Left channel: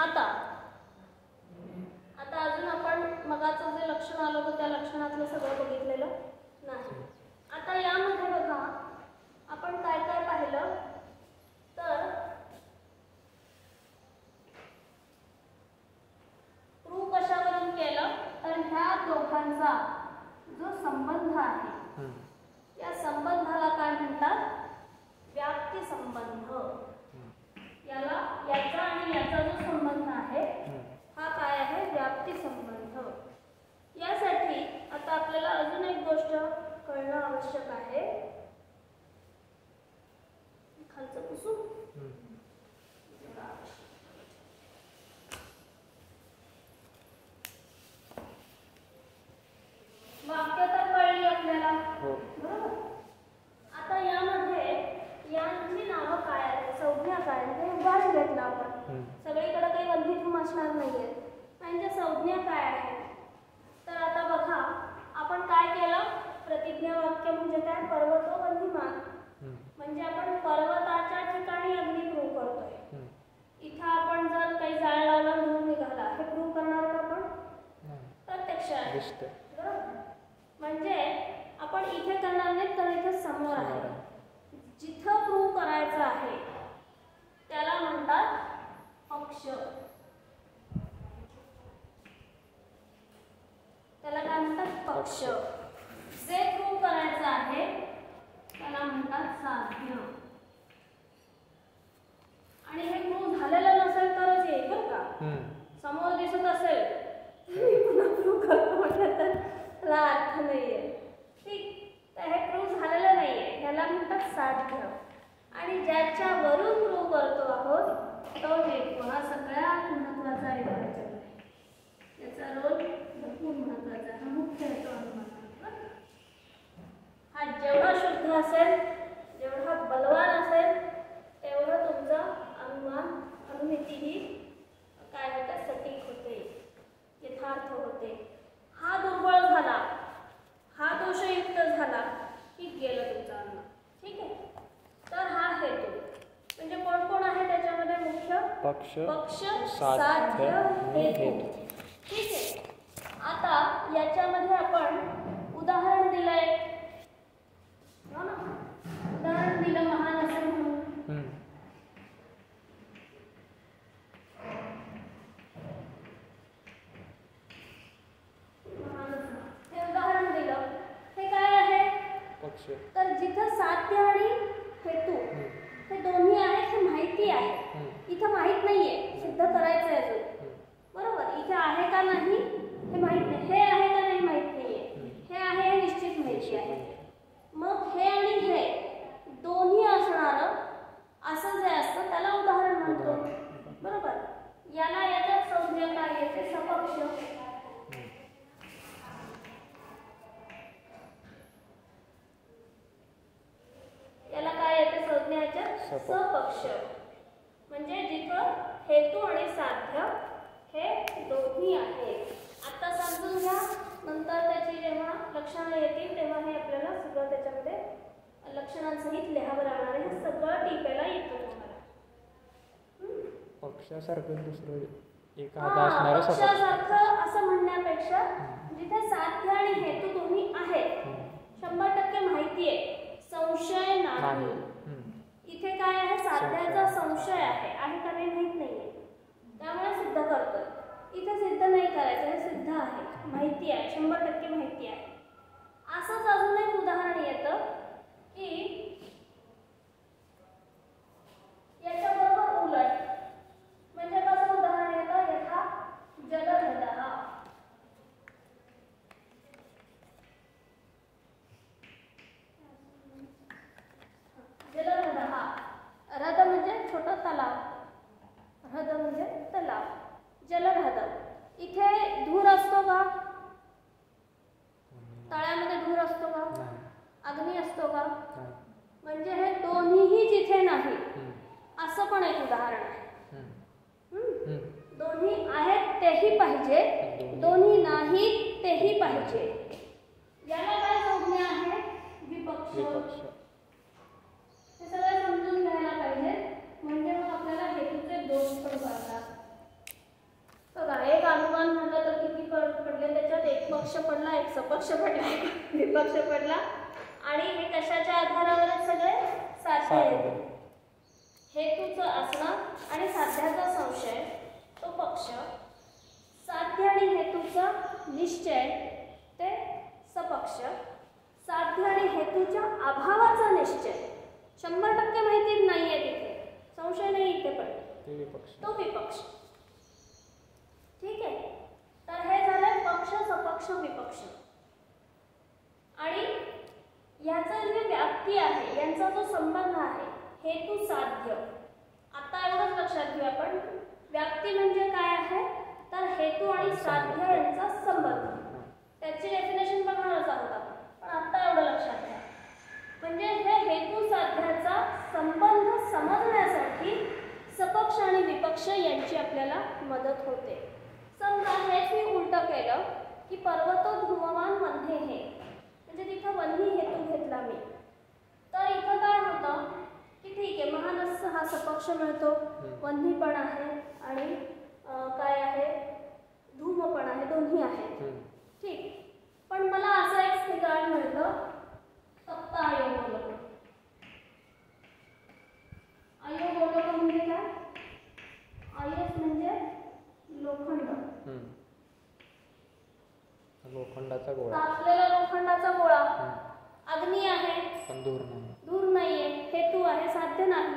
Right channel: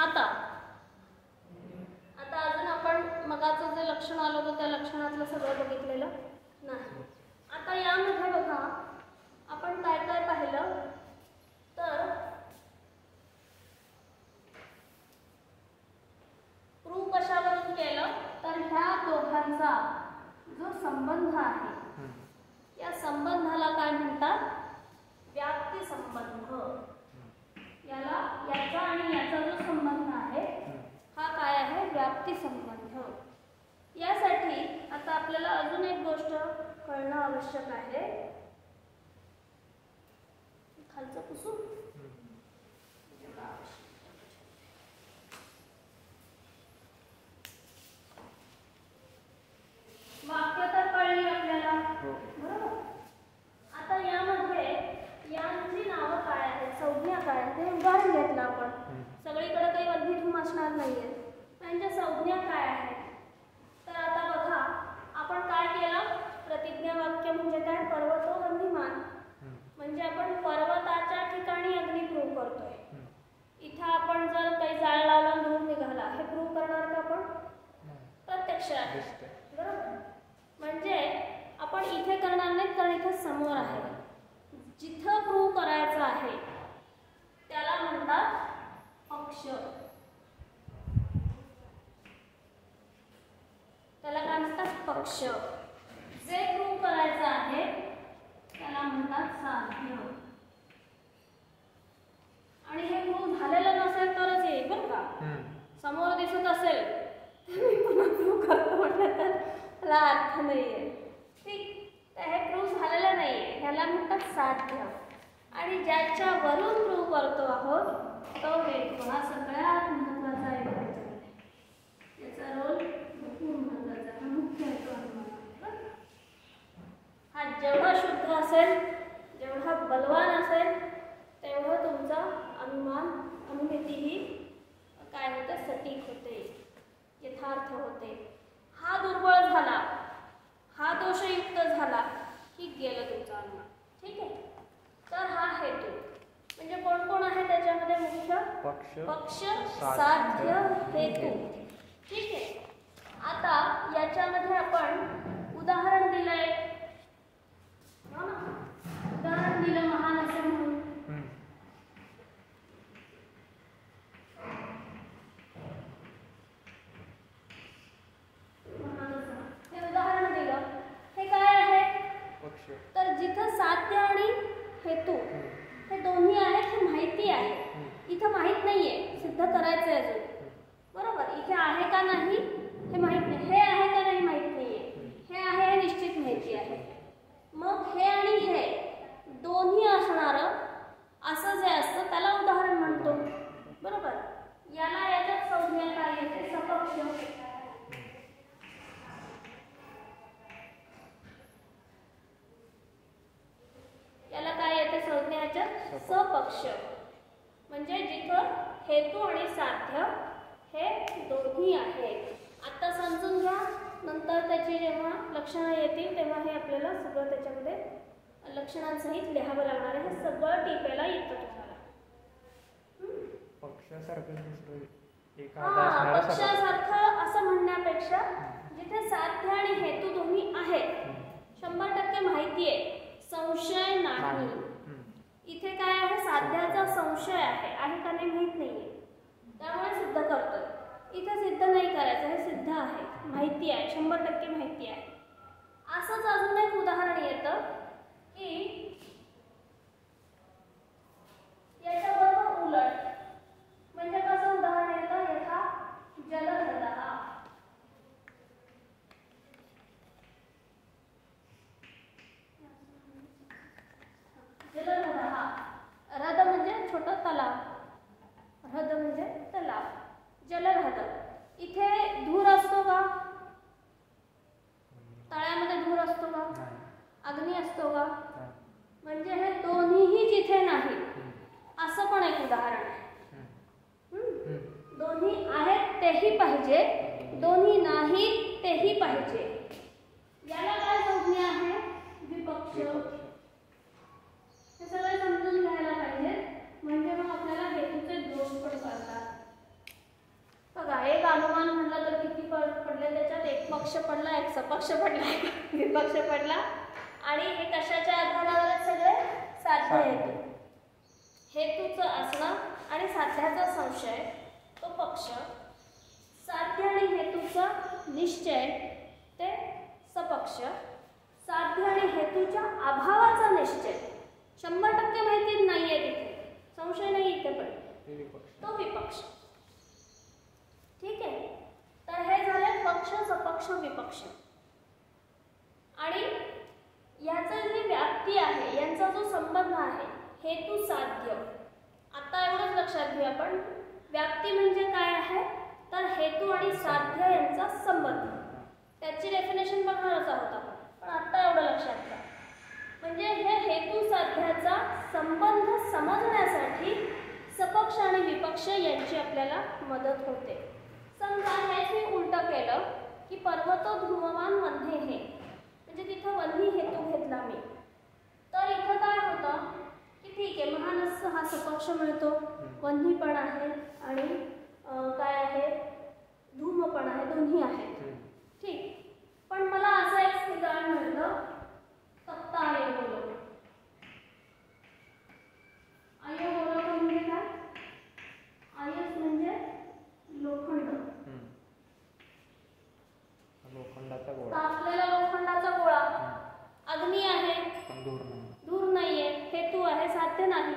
आता अजून आपण मगाचं जे लक्षण आलं होतं त्या लक्षणातलं सगळं बघितलेलं नाही. आता यामध्ये बघा आपण काय काय पाहिलं तर प्रूव्ह कशावरून केलं तर ह्या दोघांचा जो संबंध आहे या संबंधाला काय म्हणतात? व्याप्ती संबंध. याचा आणि याचा जो संबंध आहे हा काय आहे? व्याप्ती संबंध. यासाठी आता आपल्याला अजून एक गोष्ट कळणं आवश्यक आहे. खालचं पुसू वाक्य तर कळली आपल्याला, बरोबर. आता यामध्ये यांची नावं काय आहेत, संज्ञा काय आहेत हे उदाहरण घेतलं आपण. सगळीकडे काही वल्लीधूम असणार नाहीये. त्यांच्या संज्ञा काय आहेत तर आता बघा आपण काय केलं? प्रतिज्ञा वाक्य म्हणजे काय? पर्वतो वन्यमान. म्हणजे आपण पर्वताच्या ठिकाणी अग्नी प्रूव्ह करतोय. इथं आपण जर काही जाळ लावला धूर निघाला हे प्रूव्ह करणार का आपण? प्रत्यक्षात, बरोबर. म्हणजे आपण इथे करणार नाहीत कारण इथे समोर आहे. जिथं प्रूव्ह करायचं आहे त्याला म्हणतात पक्ष. त्याला काय म्हणतात? पक्ष. जे प्रूव्ह करायचं आहे त्याला म्हणतात साध्य. आणि हे प्रूव्ह झालेलं नसेल तरच येईल बरं का. समोर दिसत असेल मी पुन्हा प्रूव्ह करतो म्हटलं तर त्याला अर्थ नाहीये. ठीक, तर हे प्रूव्ह झालेलं नाहीये ह्याला म्हणतात साध्य. आणि ज्याच्यावरून प्रूव्ह करतो आहोत तो हेतू. हा सगळ्यात महत्वाचा आहे त्याच्यामध्ये. याचा रोल भरपूर महत्वाचा. हा मुख्य हेतू अनुमान. हा जेवढा शुद्ध असेल, जेवढा बलवान असेल तेवढं तुमचं अनुमान अनुमिती ही काय होतं? सटीक होते, यथार्थ होते. हा दुर्बळ झाला, हा दोषयुक्त झाला की गेलं तुमचं अनुमान. ठीक आहे. तर हा हेतू म्हणजे कोण कोण आहे त्याच्यामध्ये? मुख्य पक्ष, साध्य, हेतू. ठीक आहे. आता याच्यामध्ये आपण उदाहरण दिलंय, उदाहरण दिलं महान असे म्हणून. हे उदाहरण दिलं. हे काय आहे? तर जिथं साध्य आणि हेतू हे दोन्ही आहेत हे माहिती आहे. इथं माहित नाहीये, सिद्ध करायचंय अजून, बरोबर. इथे आहे का नाही हे माहित नाही. हे आहे का नाही माहित नाहीये. हे आहे हे निश्चित माहिती आहे. मग हे आणि हे दोन्ही असणारं असं जे असतं त्याला उदाहरण म्हणतो, बरोबर. याला याच्यात संज्ञा काय येते? सपक्ष. याला काय येते? संज्ञाच्या सपक्ष. म्हणजे जिथं हेतू आणि साध्य हे दोन्ही आहेत. आता समजून घ्या, नंतर त्याची जेव्हा लक्षणं येतील तेव्हा हे आपल्याला सगळं त्याच्यामध्ये लक्षणांसहित लिहावं लागणार आहे. हे सगळं टिपायला येतं तुम्हाला. पक्षासारखं दुसरं पक्षासारखं असं म्हणण्यापेक्षा जिथे साध्य आणि हेतू दोन्ही आहेत, 100% माहिती आहे, संशय नाही. इथे काय आहे? साध्याचा संशय आहे का नाही माहित नाहीये, त्यामुळे सिद्ध करतोय. इथे सिद्ध नाही करायचं, हे सिद्ध आहे, माहिती आहे, 100% माहिती आहे. असंच अजून एक उदाहरण येतं की याच्याबरोबर उलट. म्हणजे कसं उदाहरण येतं? यथा जलहृदः. जलहृदः, ह्रद म्हणजे छोटं तलाव, ह्रद म्हणजे तलाव. जलहृद. इथे धूर असतो का? तळ्यामध्ये धूर असतो का? अग्नी असतो का? म्हणजे हे दोन्हीही जिथे नाही असं पण एक उदाहरण आहे. दोन्ही आहेत तेही पाहिजे, दोन्ही नाहीत तेही पाहिजे. याला काय संज्ञा आहे? विपक्ष. हे सगळं समजून घ्यायला पाहिजे, म्हणजे मग आपल्याला हेतूचे दोष पण कळतात. सपक्ष पडला विपक्ष पडला आणि हे कशाच्या आधारावर सगळे साध्य हेतू हेतूचं असणं आणि साध्याचा संशय तो पक्ष साध्य आणि हेतूचा निश्चय ते सपक्ष साध्य आणि हेतूच्या अभावाचा निश्चय 100% माहिती नाहीये तिथे संशय नाही इथे पण तो विपक्ष ठीक आहे तर हे झाले पक्ष सपक्ष विपक्ष आणि याचा जी व्याप्ती आहे यांचा जो संबंध आहे हेतू साध्य आता एवढंच लक्षात घेऊ आपण व्याप्ती म्हणजे काय आहे तर हेतू आणि साध्य यांचा संबंध त्याची डेफिनेशन बघणारच आहोत आपण पण आता एवढं लक्षात घ्या म्हणजे हे हेतू साध्याचा संबंध समजण्यासाठी सपक्ष आणि विपक्ष यांची आपल्याला मदत होते समजा हेच मी उलटं केलं की पर्वतो ध्रुवमान वन्हे हे म्हणजे तिथं वन्ही हेतू घेतला मी तर इथं काय होतं की ठीक आहे महानस्स हा सपक्ष मिळतो वन्ही पण आहे आणि काय आहे धूम पण आहे दोन्ही आहे ठीक पण मला असं एक ठिकाण मिळतं तप्त आयोगोलक आयोगोलक म्हणजे काय आयस म्हणजे लोखंड लोखंडाचा गोळा तापलेला लोखंडाचा गोळा अग्नी आहे पण दूर नाहीये हेतू आहे साध्य नाही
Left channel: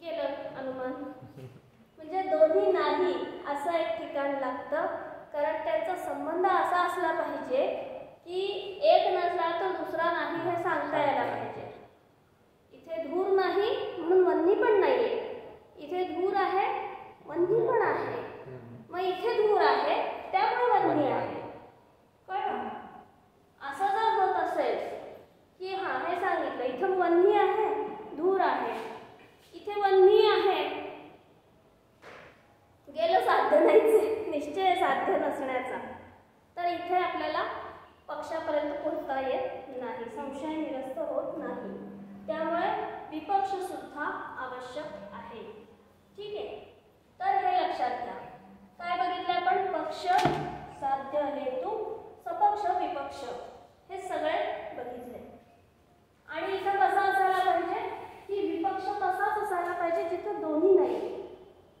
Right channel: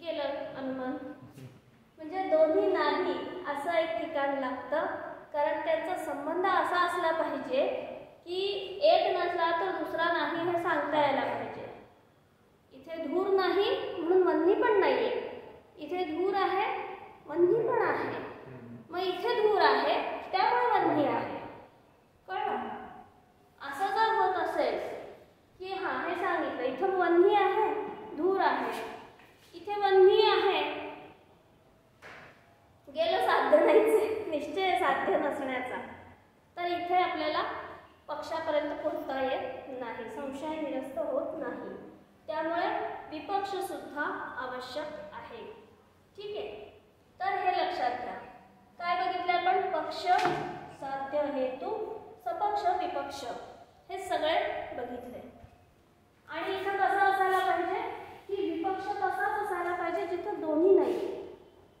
गेलं अनुमान म्हणजे दोन्ही नाही असं एक ठिकाण लागतं कारण त्यांचा संबंध असा असला पाहिजे की एक नसला तर दुसरा नाही हे सांगता यायला पाहिजे इथे धूर नाही म्हणून वन्ही पण नाहीये इथे धूर आहे वन्ही पण आहे मग इथे धूर आहे त्यामुळे वन्ही आहे कळलं असं जर होत असेल की हा हे सांगितलं इथं वन्ही आहे धूर आहे इथे वन्ही आहे गेलं साध्य नाहीच निश्चय साध्य नसण्याचा तर इथे आपल्याला पक्षापर्यंत पोहोचता येत नाही संशय निरस्त होत नाही त्यामुळे विपक्ष सुद्धा आवश्यक आहे ठीक आहे तर हे लक्षात घ्या काय बघितलं आपण पक्ष साध्य हेतू सपक्ष विपक्ष हे सगळे बघितले आणि इथं कसं असायला पाहिजे की विपक्ष तसाच असायला पाहिजे जिथं दोन्ही नाही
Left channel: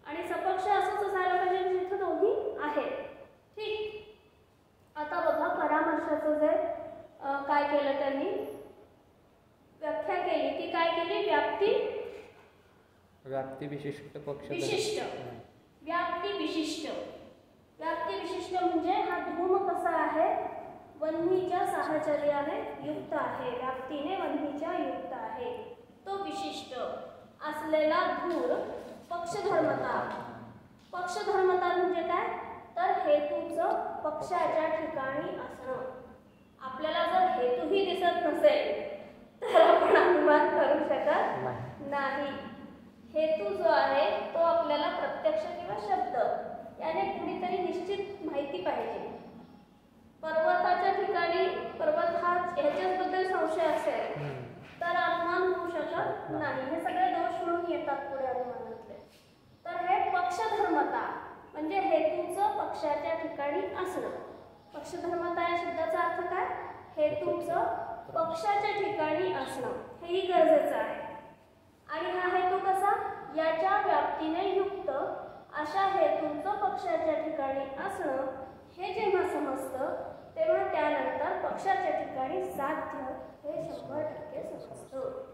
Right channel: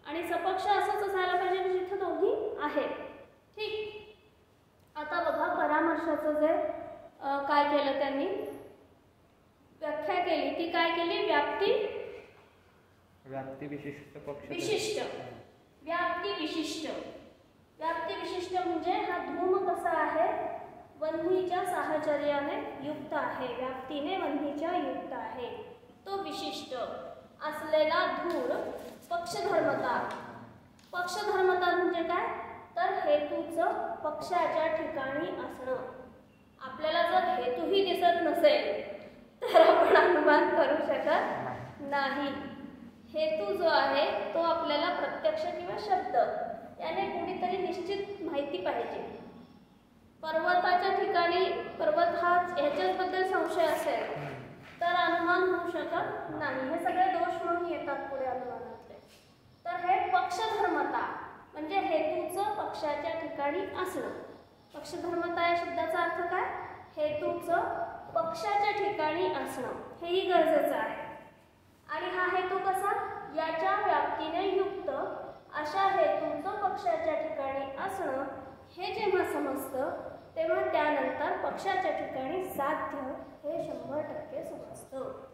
आणि सपक्ष असंच असायला पाहिजे जिथं दोन्ही आहे ठीक आता बघा परामर्शाचं जे काय केलं त्यांनी व्याख्या केली ती काय केली व्याप्ती विशिष्ट पक्ष विशिष्ट व्याप्ती विशिष्ट म्हणजे हा धूम कसा आहे वन्हीच्या साहचर्याने युक्त आहे व्याप्तीने वन्हीच्या युक्त आहे तो विशिष्ट असलेला धूर पक्षधर्मता म्हणजे काय तर हेतूचं पक्षाच्या ठिकाणी असणं आपल्याला जर हेतूही दिसत नसेल तर आपण अनुमान करू शकत नाही हेतू जो आहे तो आपल्याला प्रत्यक्ष किंवा शब्द याने कुणीतरी निश्चित माहिती पाहिजे पर्वताच्या ठिकाणी पर्वत हा ह्याच्याबद्दल संशय असेल तर अनुमान होऊ शकत नाही हे सगळे दोष म्हणून येतात पुढे अनुमानातले तर हे पक्षधर्मता म्हणजे हेतूचं पक्षाच्या ठिकाणी असणं पक्षधर्मता या शब्दाचा अर्थ काय हेतूचं पक्षाच्या ठिकाणी असणं हेही गरजेचं आहे आणि हा हेतू कसा याच्या व्याप्तीने युक्त अशा हेतूचं पक्षाच्या ठिकाणी असणं हे जेव्हा समजतं तेव्हा त्यानंतर पक्षाच्या ठिकाणी साध्य हे 100% समजतं